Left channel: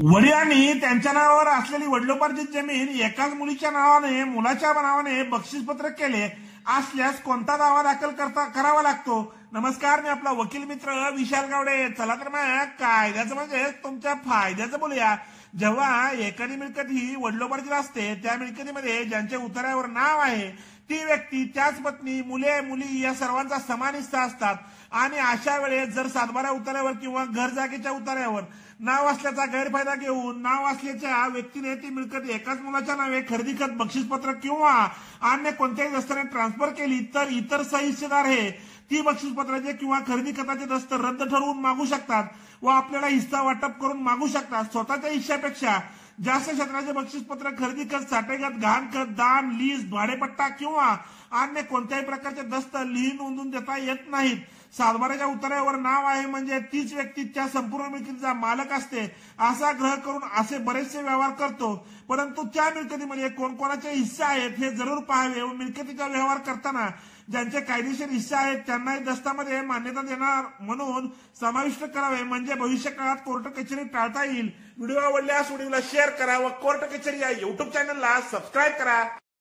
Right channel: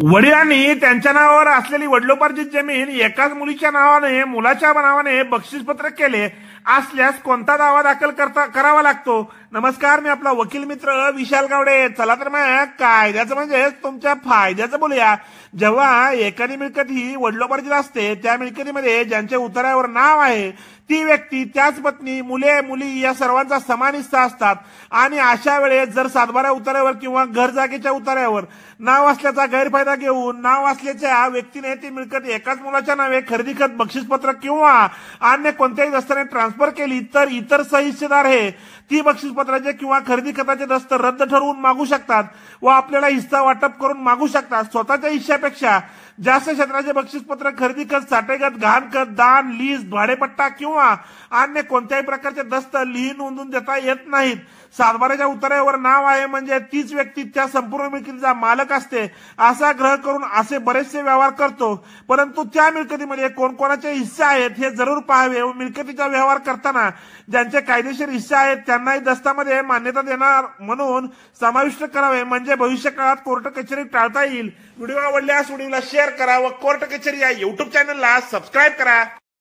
वडिलांनी त्यांच्या नावावर असलेली वडिलोपार्जित जमीन एकाच मुलीच्या नावाने मुलाच्या नावाने बक्षीसपत्रक केले असल्यास कोणता दावा दाखल करावा लागतो? नमस्कार, मी आपला वकील मित्र विशाल गावडे. चला तर मग कायद्याचं म्हणजे तुमच्या फायद्याचं बोलूया. जेव्हा एखादी मिळकत ही वडिलोपार्जित असते, त्या मिळकतीमध्ये ज्यांच्या उतार्यावर नाव आहे ती व्यक्ती, त्याच पत्नी, मुले मुली या सर्वांचा समान हिस्सा असतात. आणि अशा वेळेस जर सातबारा उतार्यावर किंवा घर जागेच्या उतार्यावर नाव असल्याचा गैरफायदा घेऊन नाव असल्याच्या व्यक्तीने ती मिळकत एकाच मुलाच्या नावे खरेदी खत, बक्षीसपत्रक किंवा अन्य कोणत्याही दस्ताने ट्रान्सफर केली तर इतर सहिस्सेदार हे ती बक्षीसपत्राचे किंवा खरेदी खताचे दस्त रद्द ठरवून मागू शकतात व आपल्याला हिस्सा वाटप करून मागू शकतात. स्वतःच्या हिश्श्यापेक्षा जास्त क्षेत्राचे बक्षीसपत्र, खरेदी खत, साठेखत, गहाणखत, दान, लीज, भाडेपट्टा किंवा अन्य कोणत्याही प्रकारचे दस्त नोंदून देता येत नाहीत. सातबाऱ्याच्या उतार्यावर नाव आहे म्हणजे तीच व्यक्ती त्या संपूर्ण मिळकतीचा मालक असते असा ग्रह करून असे बरेचसे व्यवहार करतो. परंतु त्या मिळकतीमध्ये कोणकोणाचे हिस्से आहेत हे जरूर पाहावे व मिळकतीचा व्यवहार करताना ज्यांचे कायदेशीर हिस्से आहेत त्यांनाही दस्तामध्ये मान्यता देणार म्हणून समाविष्ट करावे, म्हणजे भविष्य काळात कोर्ट कचेरी टाळता येईल. व्हिडिओ आवडल्यास व्हिडिओला शेअर करा व कोर्ट कचेरी या युट्यूब चॅनलला सबस्क्राईब करा.